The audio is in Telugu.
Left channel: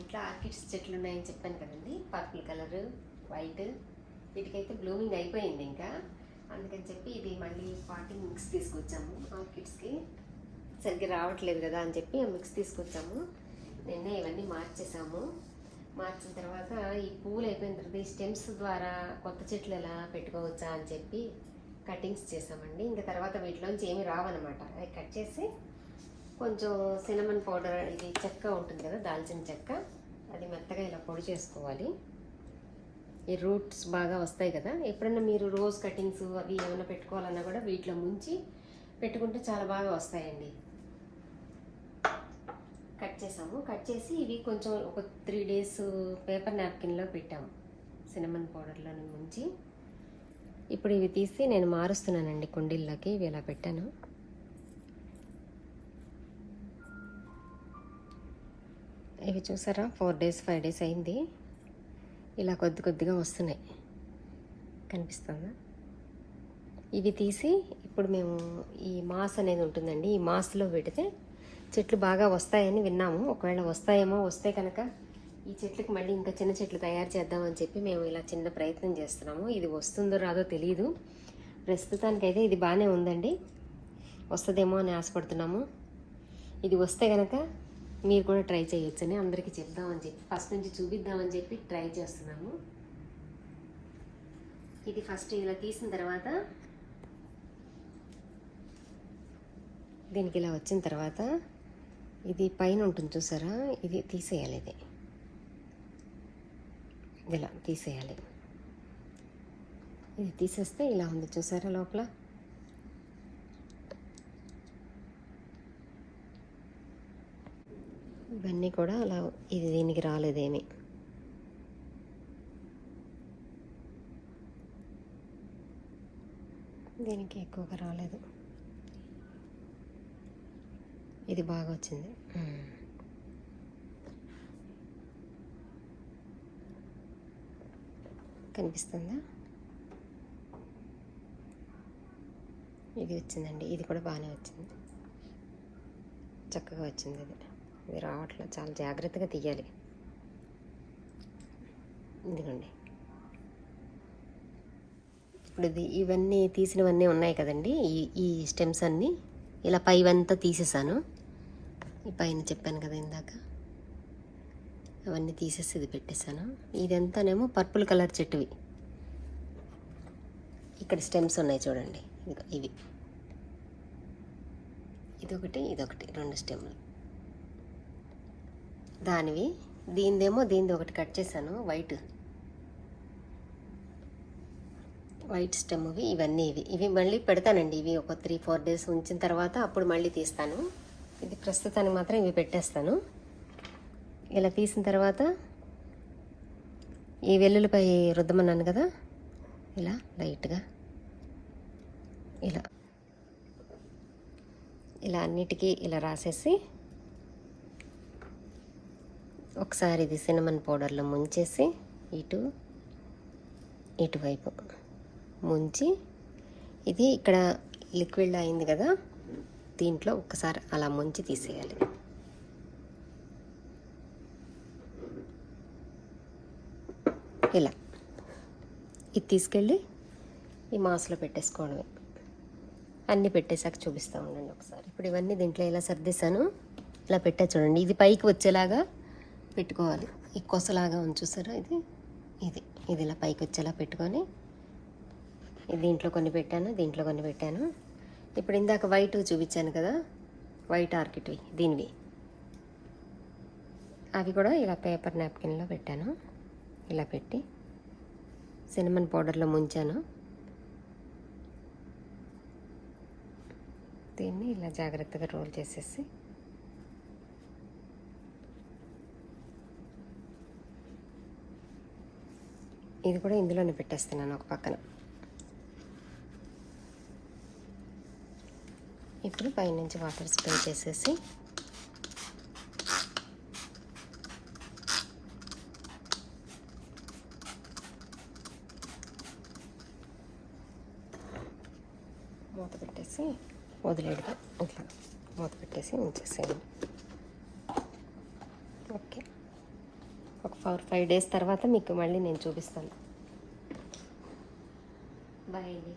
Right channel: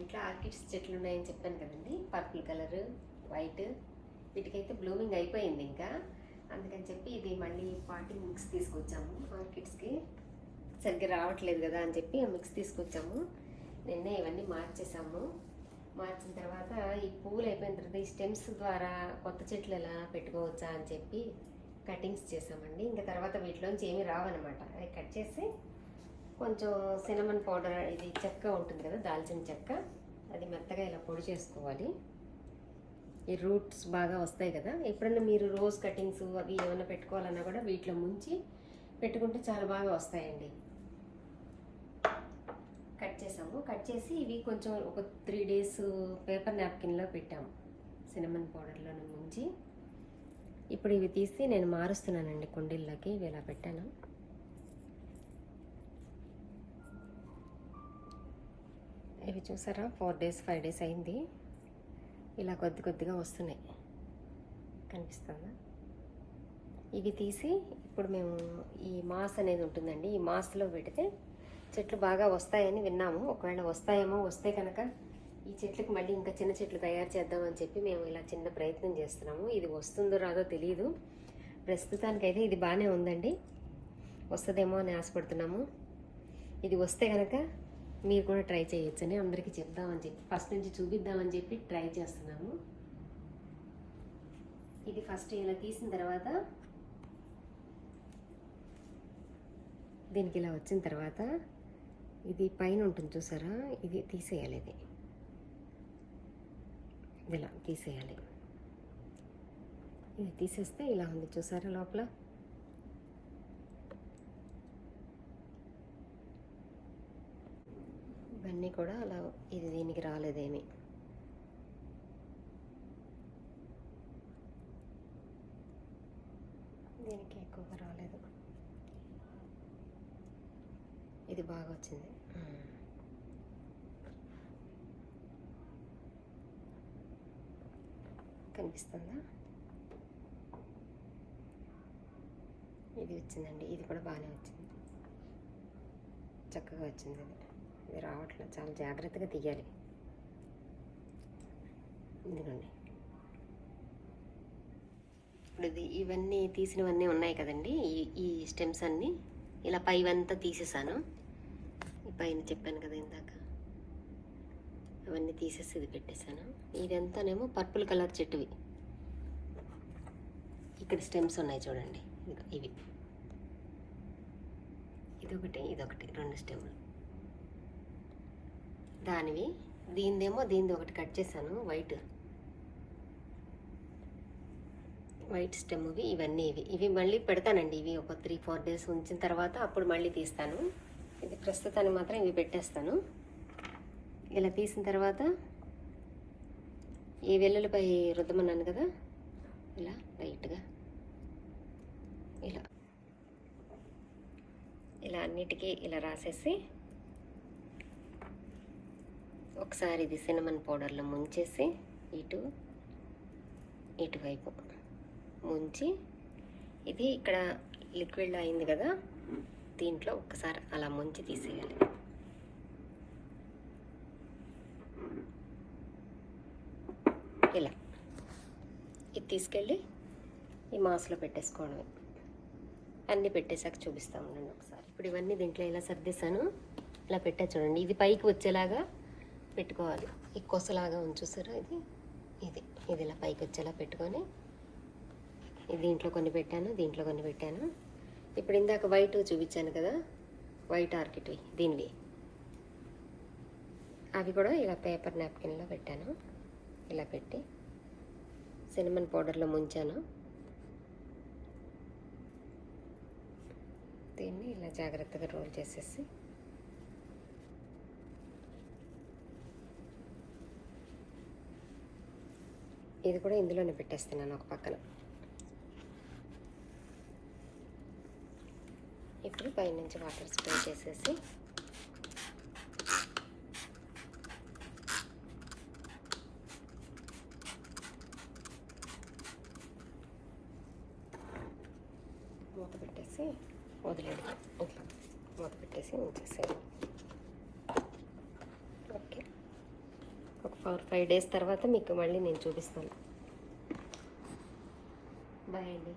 ఇంట్లో ఆర్కిడ్స్ చెట్లు ఉన్నాయని చెప్పాను కదండి. పర్పుల్ కలర్, వైట్, వీటికైతే బ్లూమింగ్ అయిపోయింది ఇంకా. అందుకని చెప్పి ఇది మళ్ళీ పాటింగ్ మిక్స్ తీసుకొచ్చాము. ఆర్కిడ్స్కి సరిగ్గా రావట్లేదు కదా అని చెప్పి మిక్స్ తీసుకొచ్చాము. నిన్నే ఇవన్నీ మార్చేసాము. మార్చిన తర్వాత ఈ పూలు అయిపోయిన తర్వాత ఈ స్టెమ్స్ ద్వారా కొత్త చెట్లు ఎలా పెట్టుకోవచ్చా అని చెప్పి కటింగ్స్ చేసామండి. ఇంకా తర్వాత వీటిలోంచి ఏమీ రావన్నమాట. అవి కట్ చేసి కొంచెం సినమన్ పౌడర్, ఇది చెక్క ఉంటుంది కదా, దాల్చిన చెక్క, అది మెత్తగా ఇలా పొడి చేసుకోవాలి. ఈ రూట్స్ బాగా వస్తాయి కదా. ఎప్పుడైనా మీరు రోజ్ కటింగ్స్ అవి ఏమైనా పెట్టుకోవాలన్నా కూడా వీటిలో ముంచి పెట్టుకుంటే చాలా బాగా వస్తాయండి. కట్ చేసాము. కట్ చేసి ఇవి కొంచెం ఒక 3 days పేపర్ నాప్కిన్లో పెట్టాము సినమన్ పౌడర్లో ముంచి. ఇప్పుడు ఇవి తీసి నేను మారుస్తున్నానండి కుండీల్లోకి. ఇవి ఇలా పెట్టాను. ఇవి చూసారా 4 days 5 days అయింది. ఇలా కొద్ది కొద్దిగా వస్తున్నాయి, కనిపిస్తుందా? ఇవి తీసి ఇప్పుడు మేము ఈ మాస్ అనేది ఉంటుందండి, ఈ మాస్లో పెడితే చెట్లు బాగా వస్తాయని విన్నాము. ఒకవేళ వస్తాయేమో, వస్తే కనుక ఈ చెట్లకు మళ్ళీ ఇంకా చిన్న చెట్లు తయారు చేద్దామని చెప్పి మేము ఇలా చిన్న ప్రయత్నం చేస్తున్నాము. ఇది వస్తుందో రాదో తెలియదు. ప్రస్తుతానికైతే ఇది బాగానే ఉందండి. వస్తుందేమో అని ఆశపడుతున్నాము. ఇది వస్తే కనుక మీరు కూడా ట్రై చేయొచ్చని అందరికీ చెప్దామని చెప్పి, ఫస్ట్ నుంచి చూపిద్దామని చెప్పి ట్రై చేస్తున్నాము. ఇది ఫస్ట్ ఇలా తీసిన తర్వాత దీనికి ఇలా వచ్చిన తర్వాత ఇది పైన ఉంటుంది చూసారా, ఇది తీసేయాలి. ఇది ఇలా తీసేయాలి. ఇది తీసేస్తే ఇలా ఉంది చూసారా లోపల. ఇవన్నీ కూడా అలా, ఇది దీనికి రాలేదేమి. దీనికి ఎక్కువగా రాలేదు. ఇది బాగా వచ్చింది. కనిపిస్తుందా? ఇది వచ్చిందండి. ఇది కూడా బాగానే వచ్చింది, చక్కగా వచ్చింది. ఇది రావట్లేదు, చాలా జాగ్రత్తగా తీయాలి. ఇదిగోండి. ఇప్పుడు ఇవన్నీ తీసినవన్నీ ఉన్నాయి కదండి. ఈ స్టెమ్స్ అన్నీ ఇలా పైవంతా తీసేసాను. ఈ పైన చెప్పాను కదా ఇందాక, అవన్నీ తీసేసి ఇది పెట్టేశాను. ఇదంతానేమో పర్పుల్ కలర్ చెట్టువి. ఇక్కడ స్టెమ్స్ ఉన్నాయి చూడండి, ఇవి. ఇదొకటి, ఇదొకటి, 2 స్టెమ్లు దానివి. దీనిది ఒకటి కట్ చేశాను, వైట్ స్టెమ్. ఇవన్నీ ఇవి మళ్ళీ పెడతానండి. ఇవి ఒక 3-4 days ఉంచిన తర్వాత అప్పుడు మళ్ళీ తీస్తాను. ఇది ప్రస్తుతానికి మాత్రం ఇవి పెట్టేస్తాను. ఇలా తీసిన తర్వాత ఈ వెల్లుల్లిపై రుద్దమన్నాను కదా, ఇలా లైట్గా ఇలా అన్నిటికీ ఇలా రాసేసి ఒకసారి ఇది సినమన్ పౌడర్లో ముంచేసి ఇటువైపు ముంచి, ఇది ఇక్కడ లిక్విడ్ అయింది కదా, దీంట్లో ఒకసారి అలా ముంచి తీసేయాలి. ఇలా ఇది తీసుకెళ్ళి ఈ మాస్లో పెట్టేసుకోవడమే. అన్నీ పెట్టేసాక చూపిస్తూ ఉండండి ఒకసారి. ఇప్పుడు ఇవన్నీ దీంట్లో ఇలా సర్దేశాను. ఇలా పెట్టా చూడండి. ఇది పైకి వచ్చేలాగా పెట్టుకోవాలి. ఈ కొసలాగా చూసారా, ఇది ఇలా పైకి వచ్చేలా పెట్టుకొని, దీంట్లో కొన్ని పెట్టాను, దీంట్లో కొన్ని పెట్టాను. ఇప్పుడు ఇందాక వైట్ చూపించాను కదా, వైట్ ఆర్కిడ్వి, దీనివి, అవి కూడా ఇలా పేపర్ నాప్కిన్లో పెట్టాను. ఇలా పెట్టి సినమన్ పౌడర్లో ముంచాను. దీన్ని ఇలా జాగ్రత్తగా రోల్ చేసేసి ఇది కూడా ఇందులోనే పెట్టేస్తున్నాను ఒక పక్కన. ఇప్పుడు పైనుంచి వాటర్ స్ప్రే చేసేసి మూత పెట్టేసి వదిలేడు. ఇట్లా మూత పెట్టేసి ఉంచేసేయండి. ఓకే, ఒక 4-5 డేస్ తర్వాత మీకు మళ్ళీ నేను చూపిస్తాను. బాయ్ అండి.